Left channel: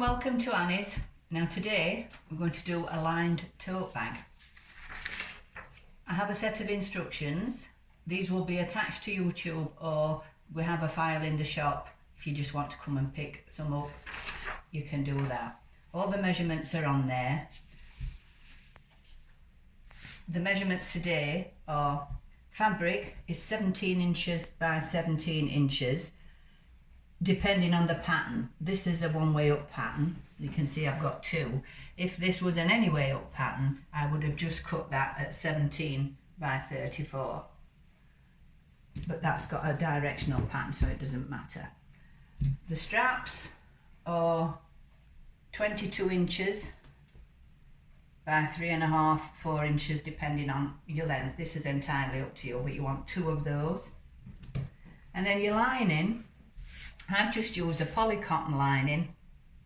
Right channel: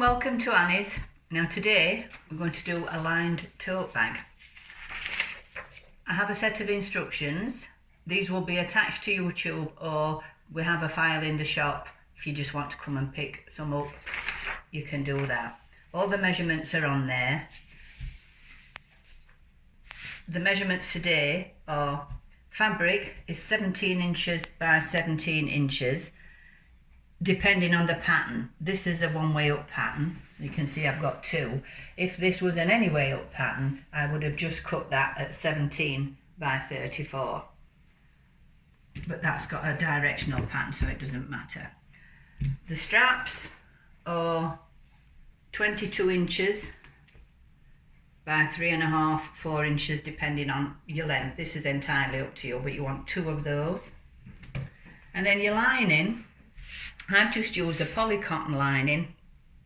and welcome to Annie's. Now today we're going to do a lined tote bag. I have a set of instructions. These will be attached to YouTube, or we have a file in the shop. If you just want to come and pick some up, you can do that. All the measurements are on there. The measurements today are: fabric is 17 inches by 17 inches. Depending on the pattern. This is a one-way up pattern. You can see I've got two. If this was an any-way up pattern, I would have just cut that at 17 by 34. But that's got a directional pattern, so it doesn't matter. The straps are 22 inches by 3.5, 4 inches, depending on your length. This is entirely up to you, but you want two of those. And then your lining, I've just used a poly cotton lining.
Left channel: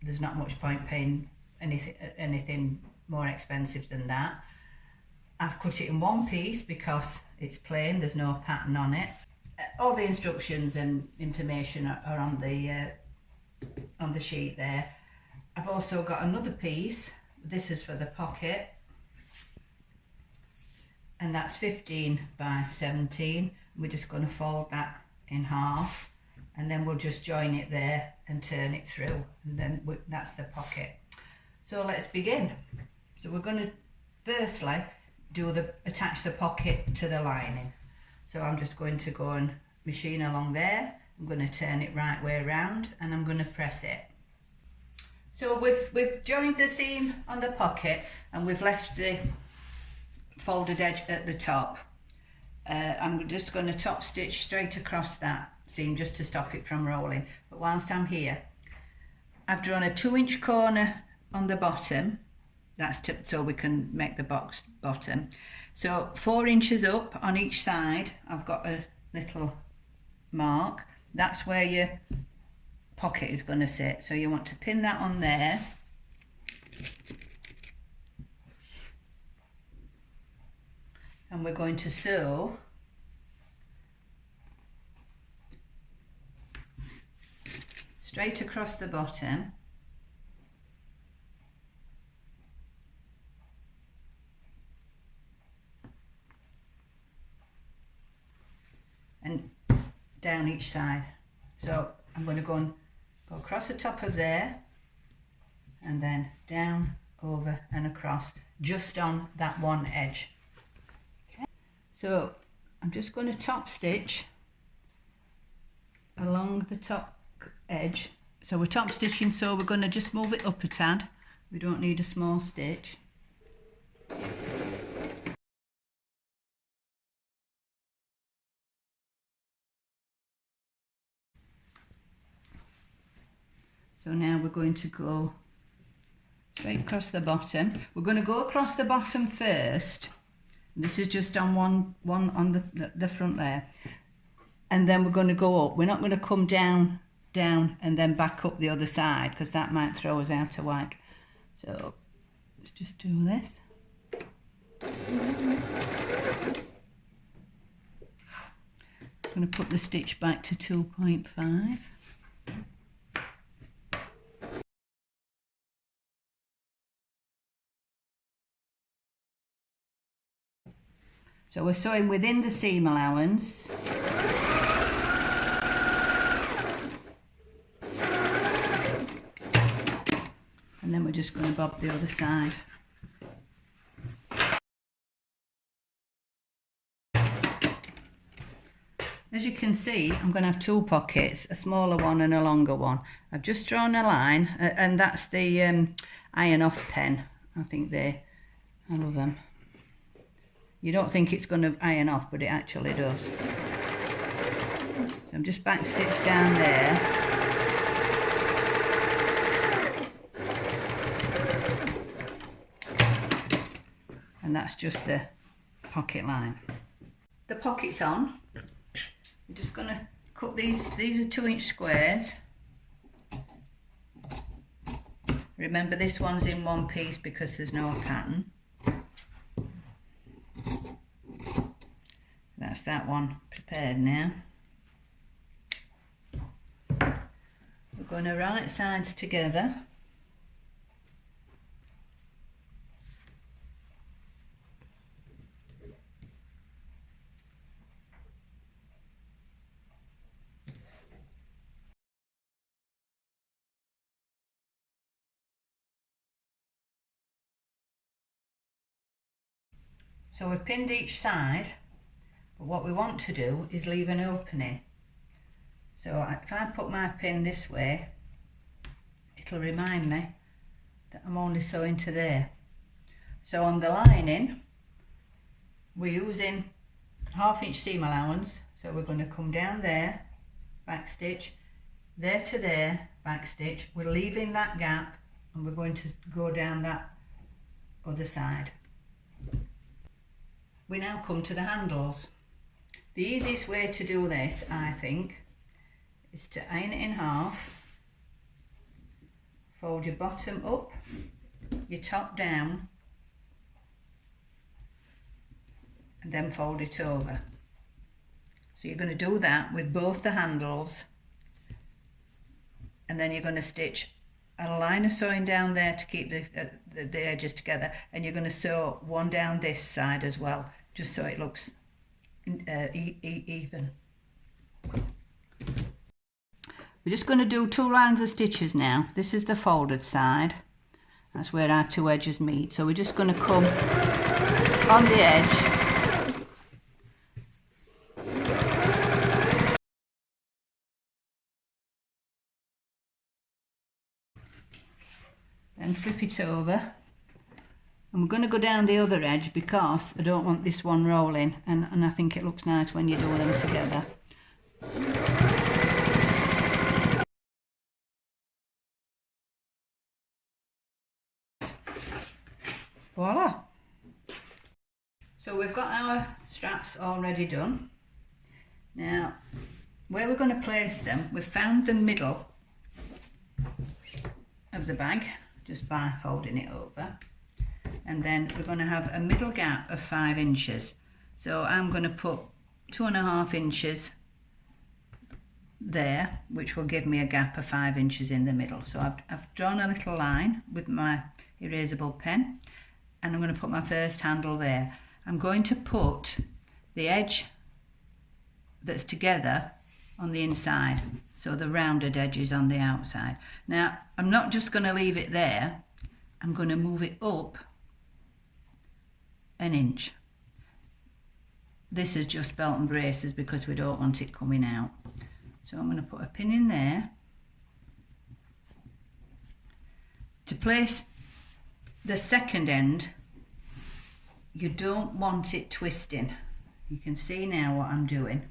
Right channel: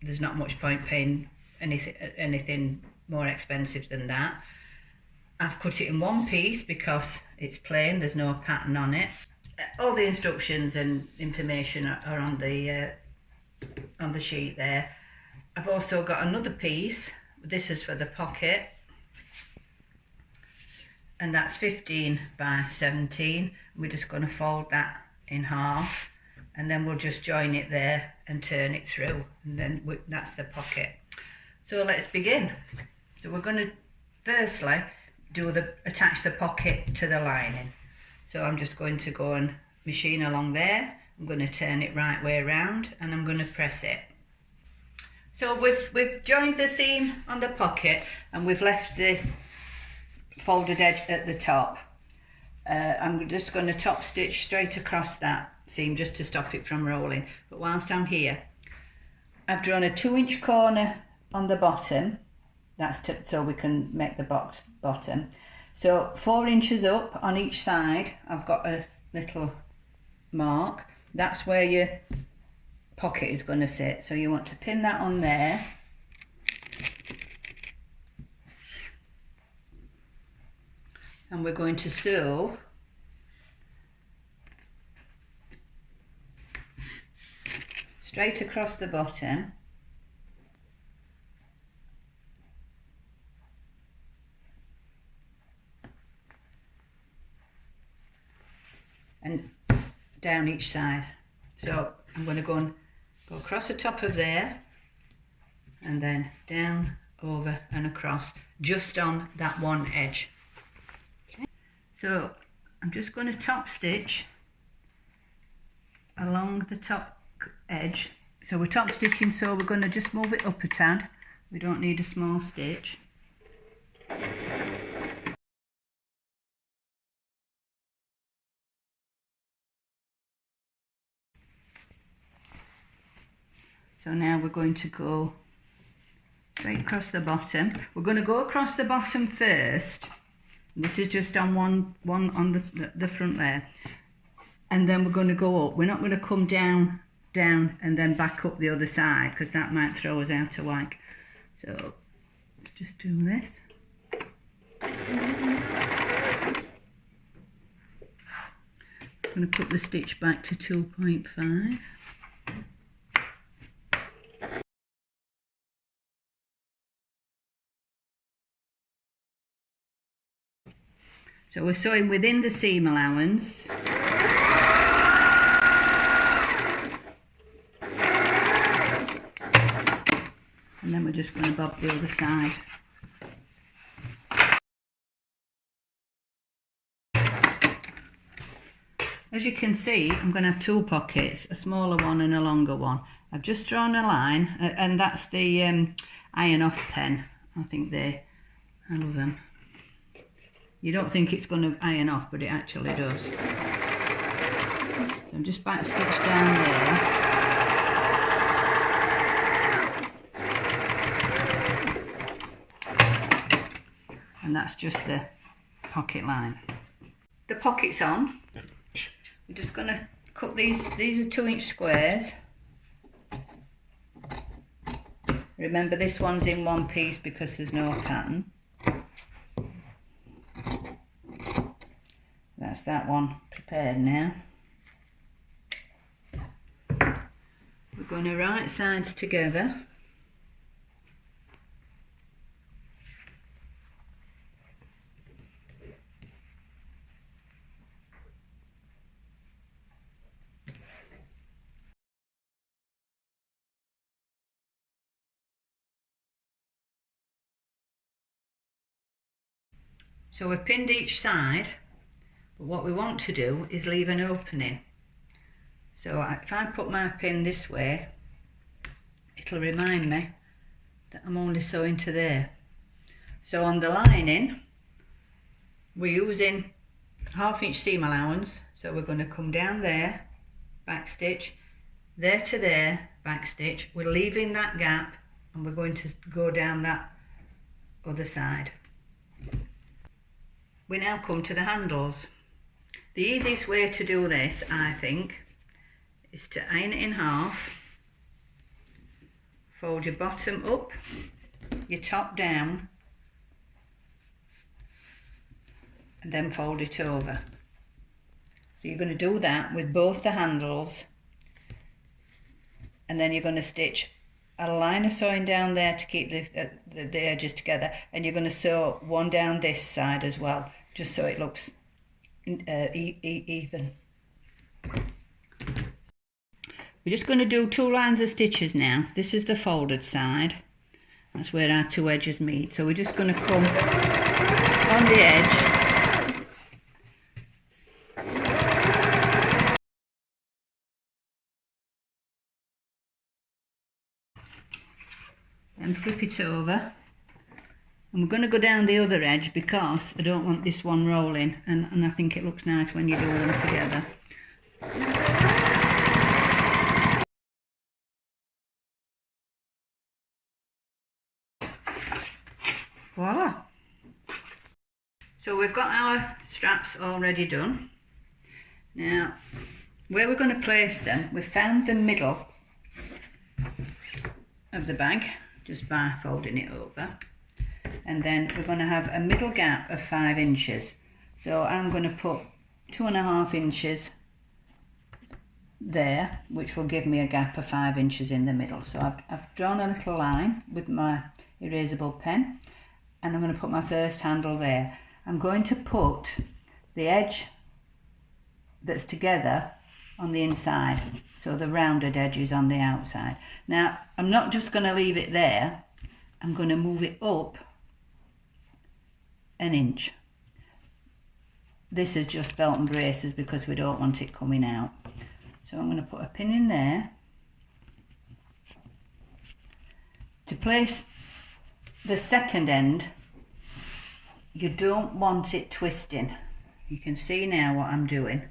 There's not much point paying anything more expensive than that. I've cut it in one piece because it's plain, there's no pattern on it. All the instructions and information are on the sheet there. I've also got another piece. This is for the pocket, and that's 15 by 17. We're just going to fold that in half, and then we'll just join it there and turn it through, and then that's the pocket. So let's begin. So we're going to firstly attach the pocket to the lining. So I'm just going to go and machine along there. I'm going to turn it right way around, and I'm going to press it. So we've joined the seam on the pocket, and we've left the folded edge at the top. I'm just going to top stitch straight across that seam just to stop it from rolling. But whilst I'm here, I've drawn a 2-inch corner on the bottom. That's so we can make the box bottom. So 4 inches up on each side, I've got a little mark. That's where your pocket is going to sit. So you want to pin that on there. And we're going to sew straight across the bottom, and down each side. So I'm going to go across the top of there, and then down, over and across, just on that one edge. Okay. So I'm just going to top stitch along the top edge. So we're top stitching, so we're going to just move it up a tad. We don't need a small stitch. So now we're going to go straight across the bottom. We're going to go across the bottom first. This is just on one on the front there, and then we're going to go up. We're not going to come down and then back up the other side, because that might throw us out of whack. So let's just do this. I'm going to put the stitch back to 2.5. So we're sewing within the seam allowance. And then we're just going to bob the other side. As you can see, I'm going to have two pockets, a smaller one and a longer one. I've just drawn a line, and that's the iron off pen. I think I love them. You don't think it's going to iron off, but it actually does. So I'm just back stitch down there. And that's just the pocket line. The pocket's on. I'm just going to cut these are 2-inch squares. Remember, this one's in one piece because there's no pattern. That's that one prepared now. We're going to right sides together. So we've pinned each side, but what we want to do is leave an opening. So if I put my pin this way, it'll remind me that I'm only sewing to there. So on the lining, we're using 1/2 inch seam allowance, so we're going to come down there, back stitch, there to there, back stitch. We're leaving that gap and we're going to go down that other side. We now come to the handles. The easiest way to do this, I think, is to iron it in half, fold your bottom up, your top down, and then fold it over. So you're going to do that with both the handles, and then you're going to stitch a line of sewing down there to keep the edges together, and you're going to sew one down this side as well, just so it looks even. We're just going to do 2 lines of stitches now. This is the folded side, that's where our 2 edges meet. So we're just going to come on the edge and flip it over, and we're going to go down the other edge because I don't want this one rolling, and I think it looks nice when you do them together. Voila! So we've got our straps already done. Now where we're going to place them, we've found the middle of the bag just by folding it over, and then we're going to have a middle gap of 5 inches. So I'm going to put 2.5 inches there, which will give me a gap of 5 inches in the middle. So I've drawn a little line with my erasable pen, and I'm going to put my first handle there. I'm going to put the edge that's together on the inside, so the rounded edge is on the outside. Now I'm not just going to leave it there, I'm going to move it up 1 inch. This is just belt and braces because we don't want it coming out. So I'm going to put a pin in there. To place the second end, you don't want it twisting. You can see now what I'm doing.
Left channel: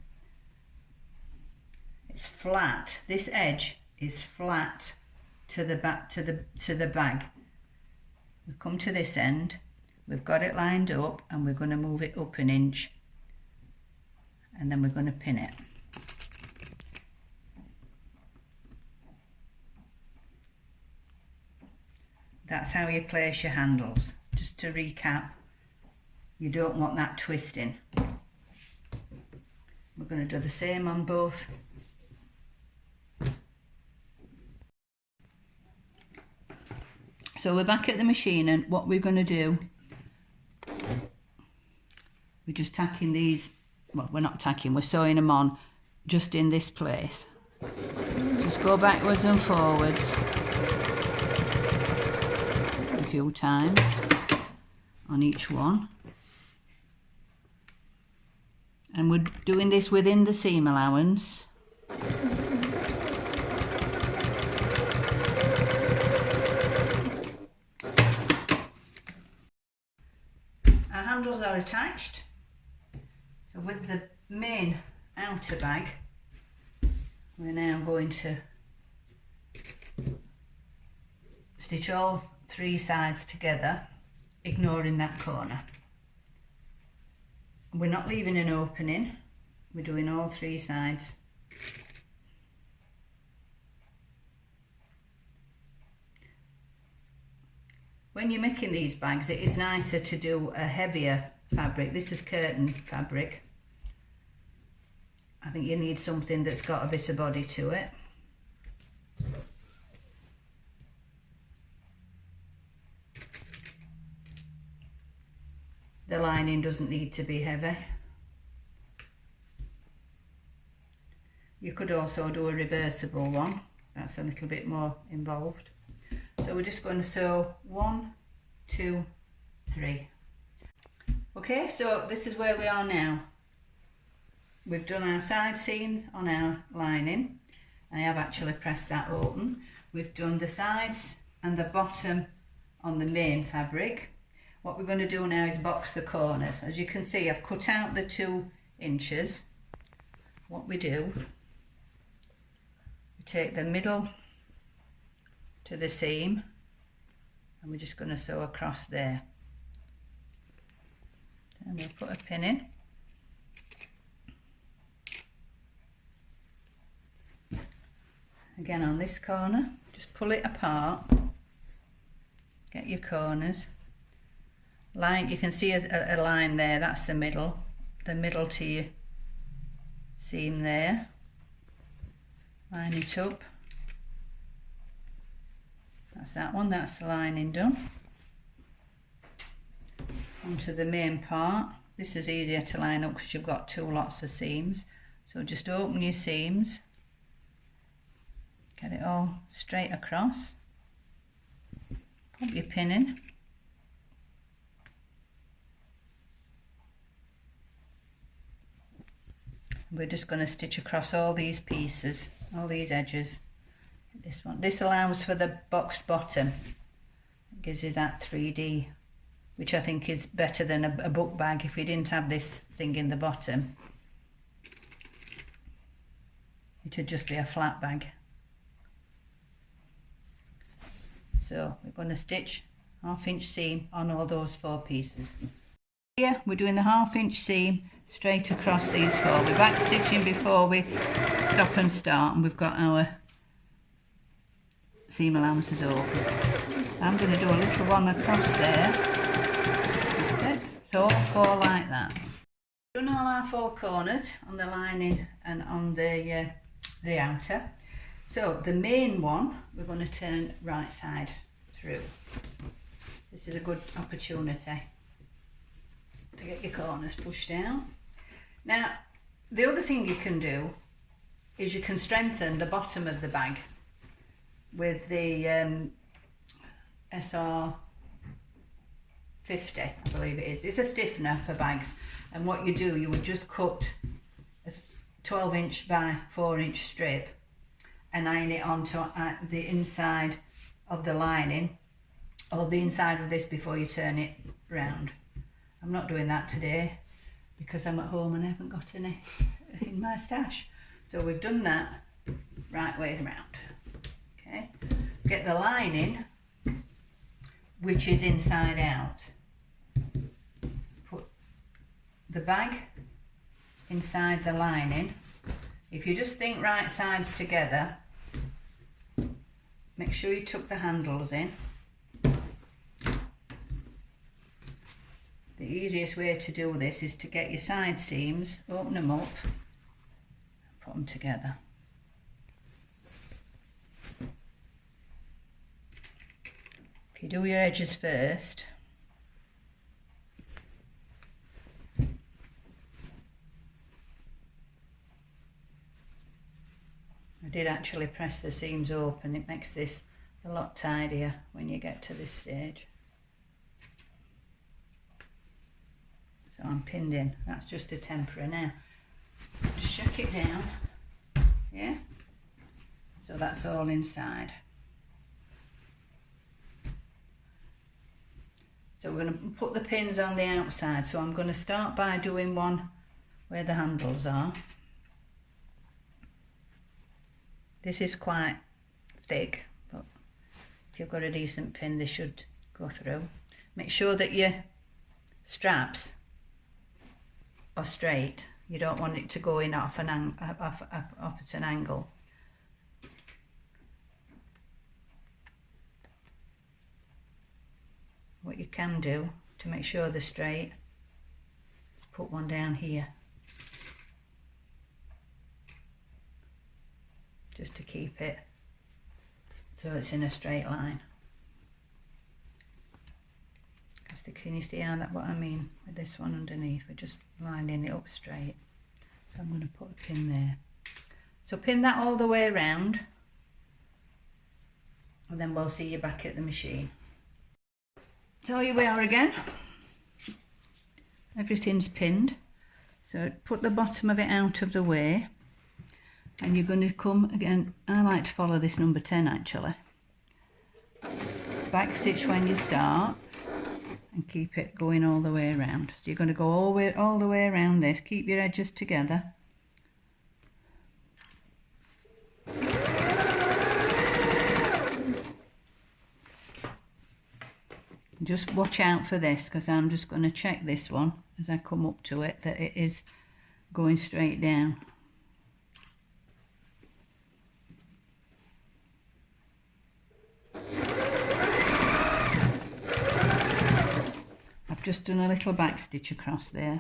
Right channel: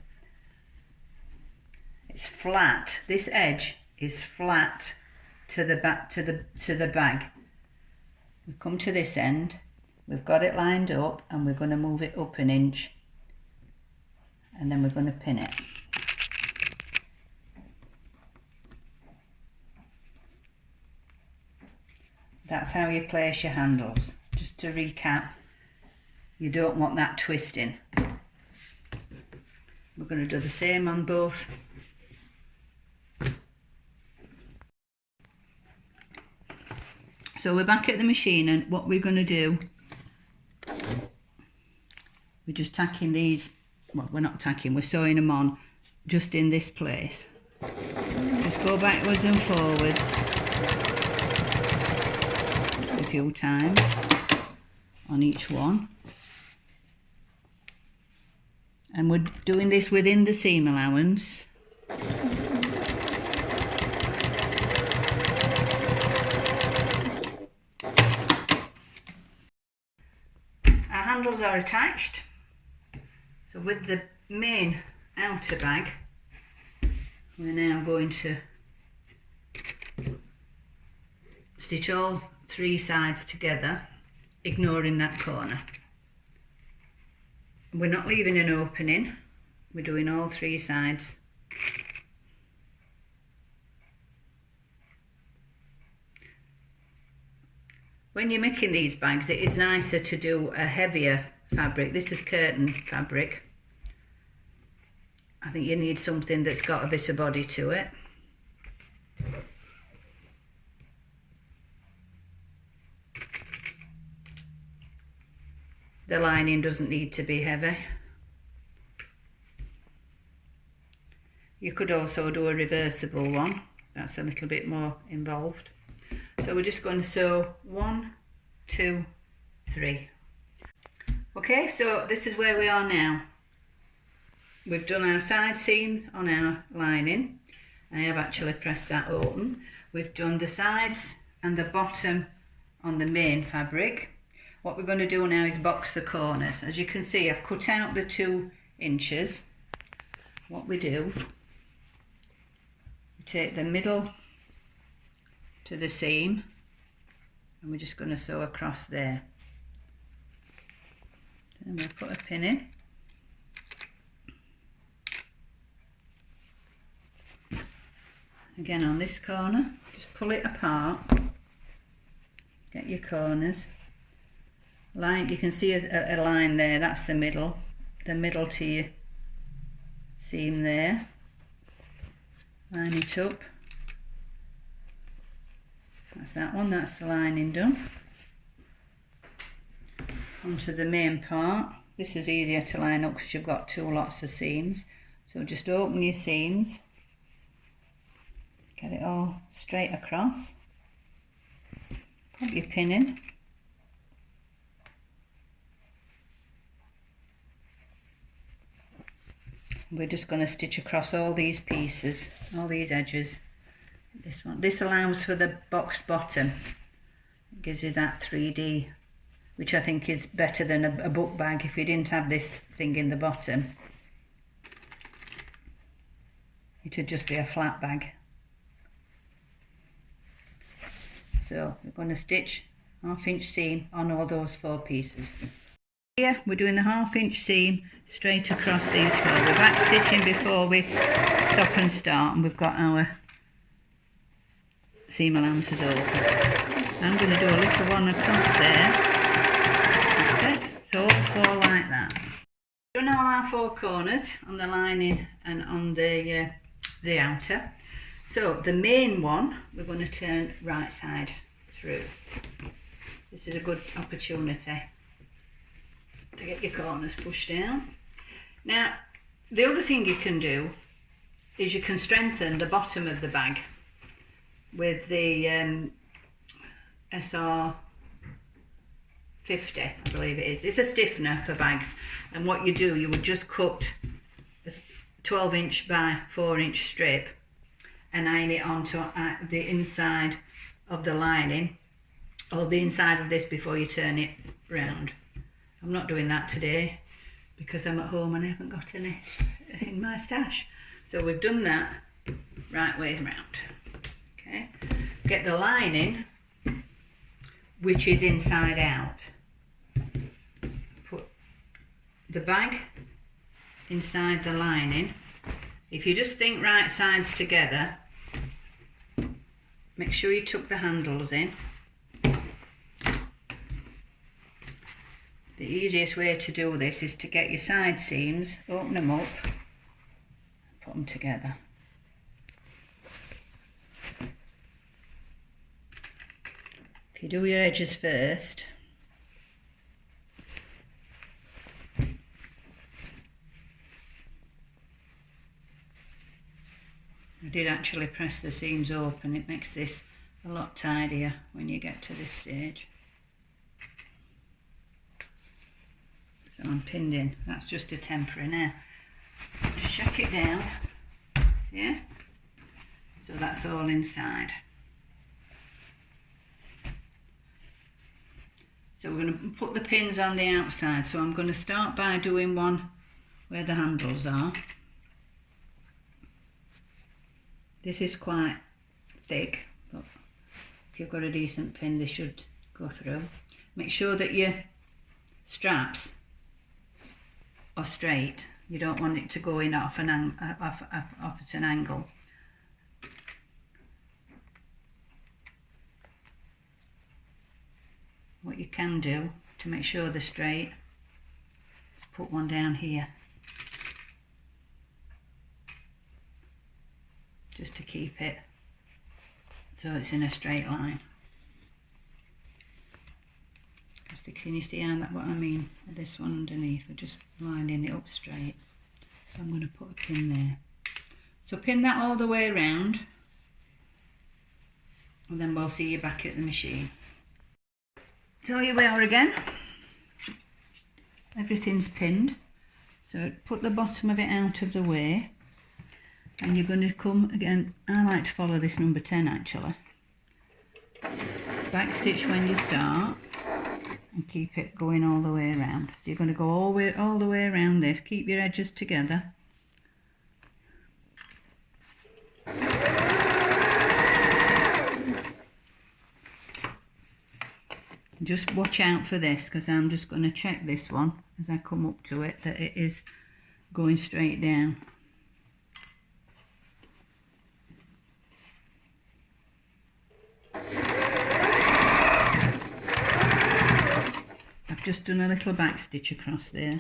It's flat. This edge is flat to the back, to the bag. We come to this end, we've got it lined up, and we're going to move it up 1 inch, and then we're going to pin it. That's how you place your handles. Just to recap, you don't want that twisting. We're going to do the same on both. So we're back at the machine, and what we're going to do, we're just tacking these, well, we're not tacking, we're sewing them on just in this place. Just go backwards and forwards a few times on each one. And we're doing this within the seam allowance. Handles are attached, so with the main outer bag we're now going to stitch all 3 sides together, ignoring that corner. We're not leaving an opening, we're doing all 3 sides. When you're making these bags, it is nicer to do a heavier fabric. This is curtain fabric. I think you need something that's got a bit of body to it. The lining doesn't need to be heavy. You could also do a reversible one. That's a little bit more involved. So we're just going to sew 1, 2, 3. Okay, so this is where we are now. We've done our side seam on our lining. I have actually pressed that open. We've done the sides and the bottom on the main fabric. What we're going to do now is box the corners. As you can see, I've cut out the 2 inches. What we do, we take the middle to the seam and we're just going to sew across there. And we'll put a pin in. Again on this corner, just pull it apart, get your corners. Line, you can see a line there, that's the middle to your seam there. Line it up. That's that one, that's the lining done. Onto the main part. This is easier to line up because you've got 2 lots of seams. So just open your seams. Get it all straight across. Put your pin in. We're just going to stitch across all these pieces, all these edges. This one. This allows for the boxed bottom. It gives you that 3D, which I think is better than a book bag if we didn't have this thing in the bottom. It would just be a flat bag. So we're going to stitch 1/2 inch seam on all those 4 pieces. Here we're doing the 1/2 inch seam straight across these 4. We're back stitching before we stop and start, and we've got our seam allowances open. I'm going to do a little one across there. That's it. So all 4 like that. We've done all our 4 corners on the lining and on the outer. So the main one we're going to turn right side through. This is a good opportunity to get your corners pushed down. Now the other thing you can do is you can strengthen the bottom of the bag with the SR 50, I believe it is. It's a stiffener for bags, and what you do, you would just cut a 12 inch by 4 inch strip and iron it onto the inside of the lining, or the inside of this before you turn it round. I'm not doing that today because I'm at home and I haven't got any in my stash. So we've done that right way around. Okay, get the lining, which is inside out. Put the bag inside the lining. If you just think right sides together, make sure you tuck the handles in. The easiest way to do this is to get your side seams, open them up, put them together. If you do your edges first, I did actually press the seams open. It makes this a lot tidier when you get to this stage. So I'm pinned in. That's just a temporary now. Just check it down. Yeah? So that's all inside. So we're going to put the pins on the outside. So I'm going to start by doing one where the handles are. This is quite thick, but if you've got a decent pin, they should go through. Make sure that your straps are straight. You don't want it to go in off at an angle. What you can do to make sure they're straight is put one down here, just to keep it so it's in a straight line. Can you see what I mean? This one underneath, we're just lining it up straight. So I'm going to put a pin there. So pin that all the way around, and then we'll see you back at the machine. So here we are again. everything's pinned. So put the bottom of it out of the way, and you're going to come again. I like to follow this number 10 actually. Back stitch when you start and keep it going all the way around. So you're going to go all the way around this. Keep your edges together. Just watch out for this, because I'm just going to check this one as I come up to it that it is going straight down. I've just done a little back stitch across there.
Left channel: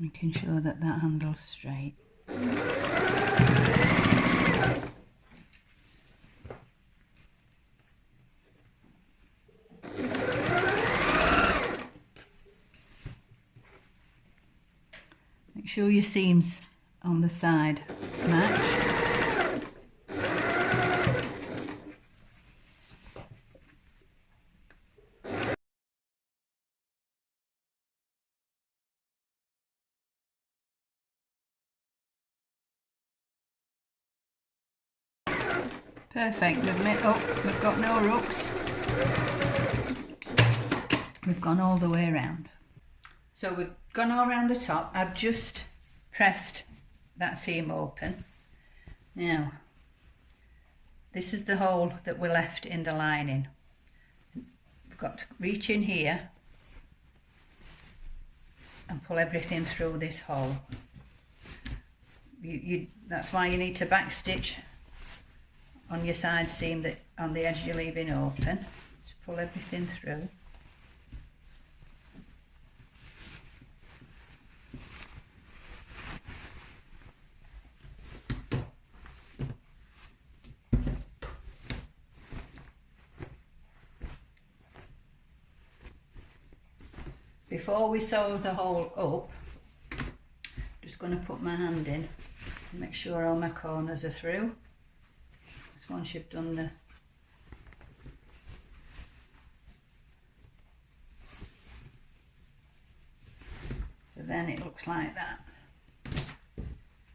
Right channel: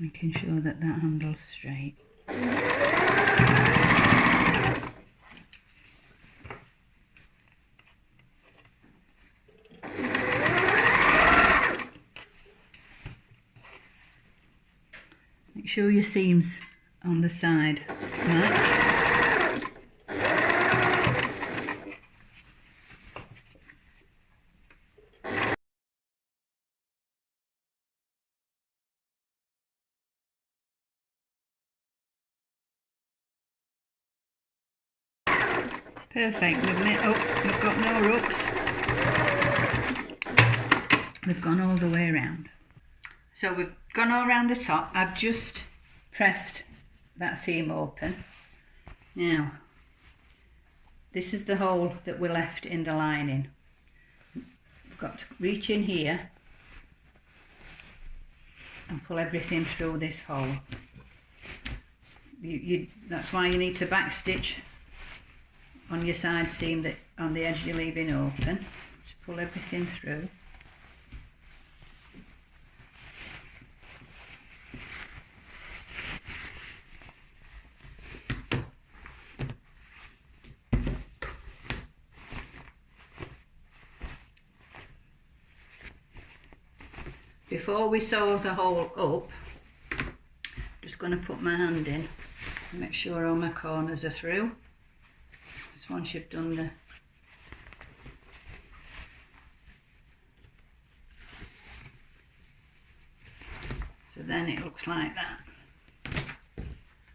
Making sure that that handle's straight. Make sure your seams on the side match. Perfect. We've got no rooks. We've gone all the way around. So we've gone all around the top. I've just pressed that seam open. Now, this is the hole that we left in the lining. We've got to reach in here and pull everything through this hole. That's why you need to back stitch on your side seam that on the edge you're leaving open. Just pull everything through. Before we sew the hole up, I'm just going to put my hand in and make sure all my corners are through. Because once you've done the so then it looks like that.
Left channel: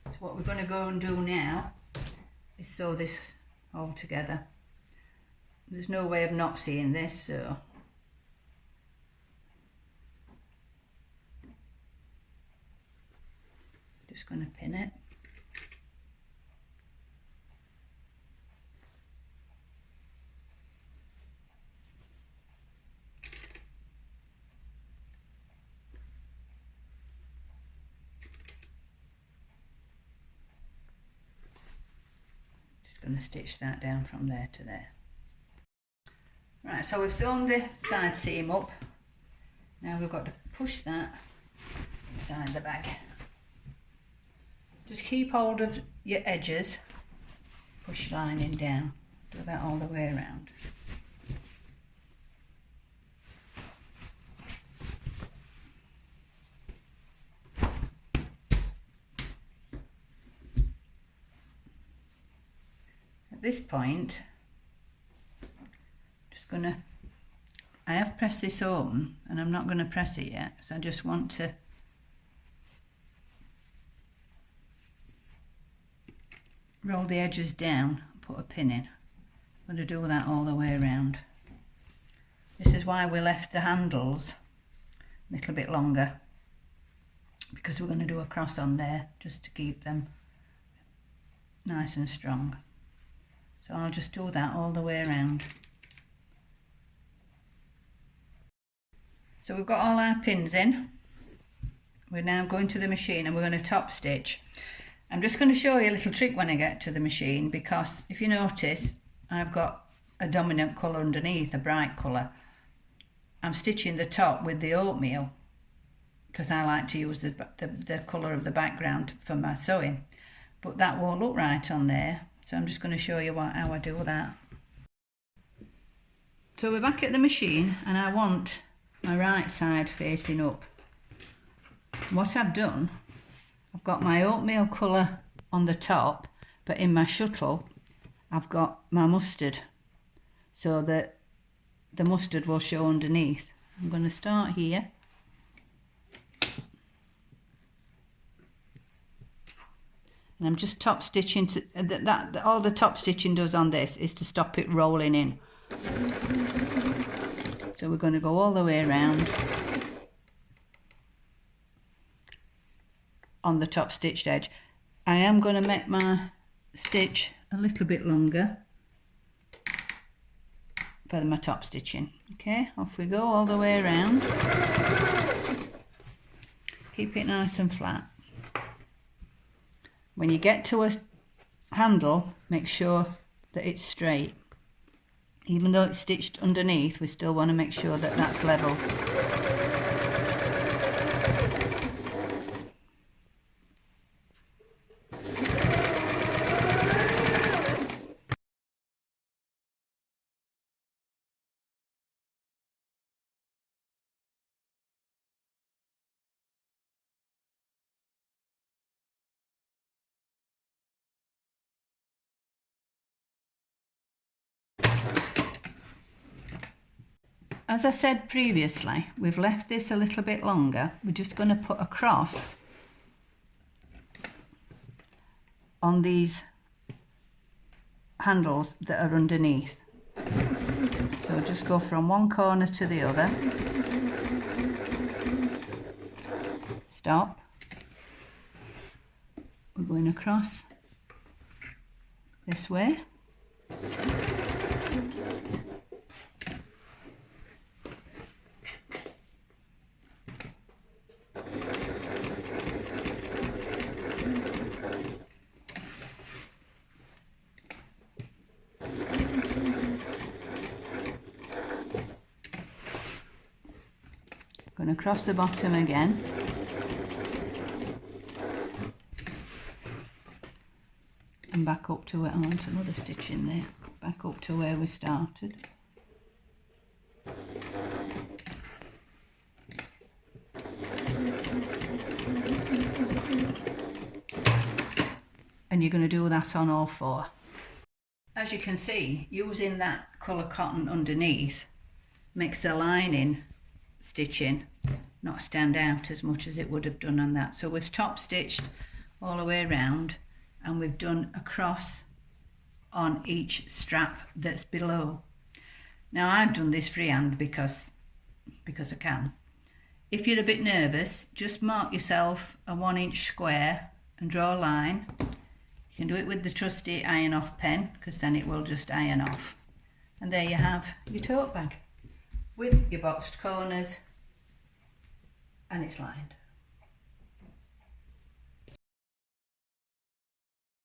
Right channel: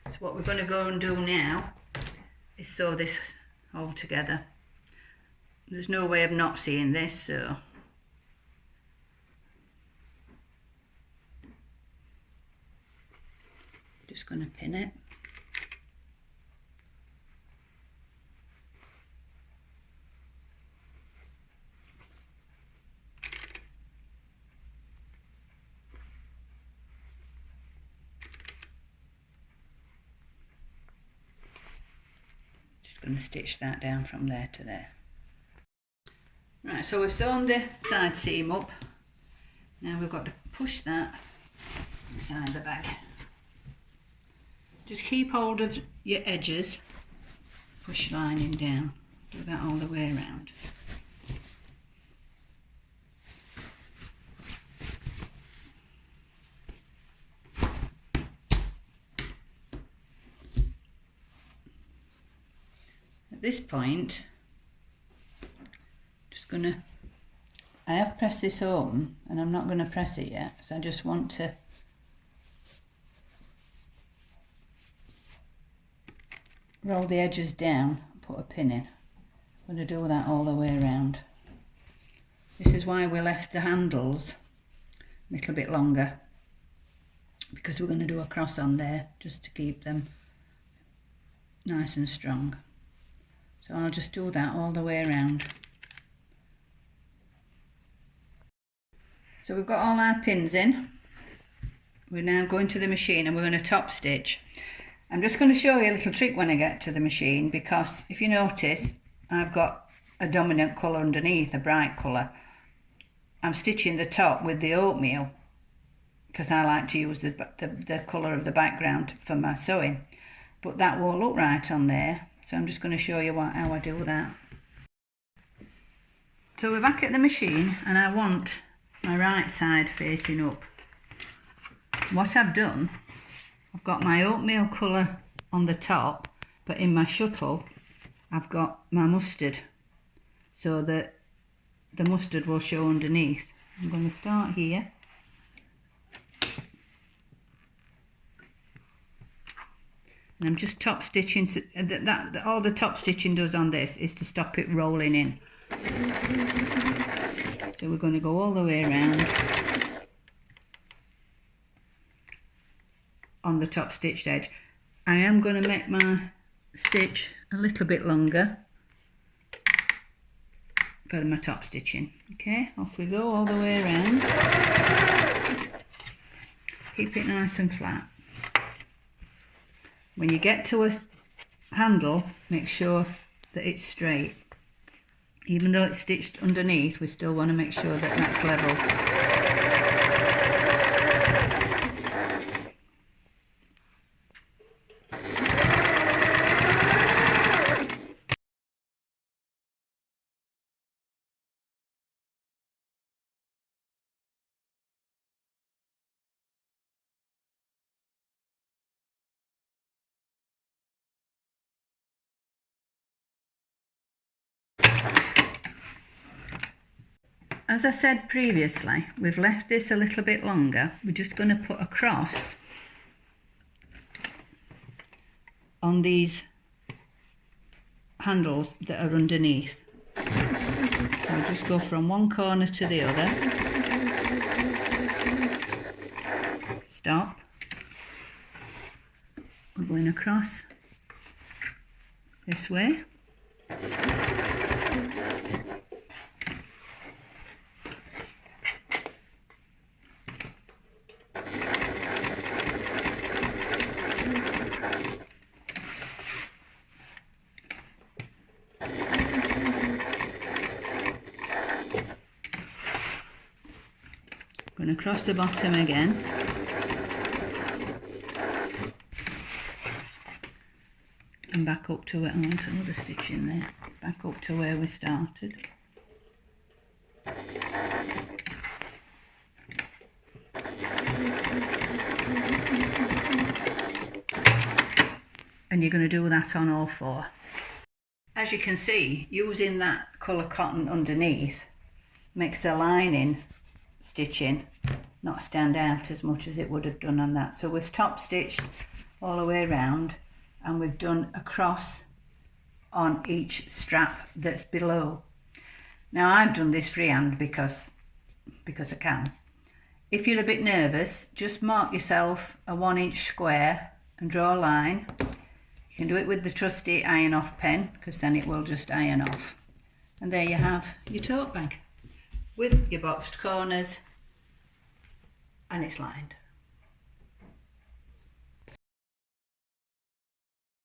So what we're going to go and do now is sew this all together. There's no way of not seeing this, so just going to pin it. Just going to stitch that down from there to there. Right, so we've sewn the side seam up. Now we've got to push that inside the bag. Just keep hold of your edges, push lining down, do that all the way around. At this point, just going to, I have pressed this open and I'm not going to press it yet, so I just want to roll the edges down, put a pin in. I'm going to do that all the way around. This is why we left the handles a little bit longer, because we're going to do a cross on there just to keep them nice and strong. So I'll just do that all the way around. So we've got all our pins in. We're now going to the machine and we're going to top stitch. I'm just going to show you a little trick when I get to the machine, because if you notice, I've got a dominant colour underneath, a bright colour. I'm stitching the top with the oatmeal because I like to use the colour of the background for my sewing, but that won't look right on there, so I'm just going to show you how I do that. So we're back at the machine and I want my right side facing up. what I've done, I've got my oatmeal colour on the top, but in my shuttle I've got my mustard, so that the mustard will show underneath. I'm going to start here. And I'm just top stitching to, all the top stitching does on this is to stop it rolling in. So we're going to go all the way around on the top stitched edge. I am going to make my stitch a little bit longer for my top stitching. Okay, off we go all the way around. Keep it nice and flat. When you get to a handle, make sure that it's straight. Even though it's stitched underneath, we still want to make sure that that's level. As I said previously, we've left this a little bit longer. We're just going to put a cross on these handles that are underneath. So we'll just go from one corner to the other. Stop. We're going across this way. Going across the bottom again. And back up to where I want another stitch in there. Back up to where we started. And you're going to do that on all four. As you can see, using that colour cotton underneath makes the lining stitching not stand out as much as it would have done on that. So we've top stitched all the way around, and we've done a cross on each strap that's below. Now I've done this freehand because I can. If you're a bit nervous, just mark yourself a 1-inch square and draw a line. You can do it with the trusty iron off pen, because then it will just iron off. And there you have your tote bag with your boxed corners, and it's lined.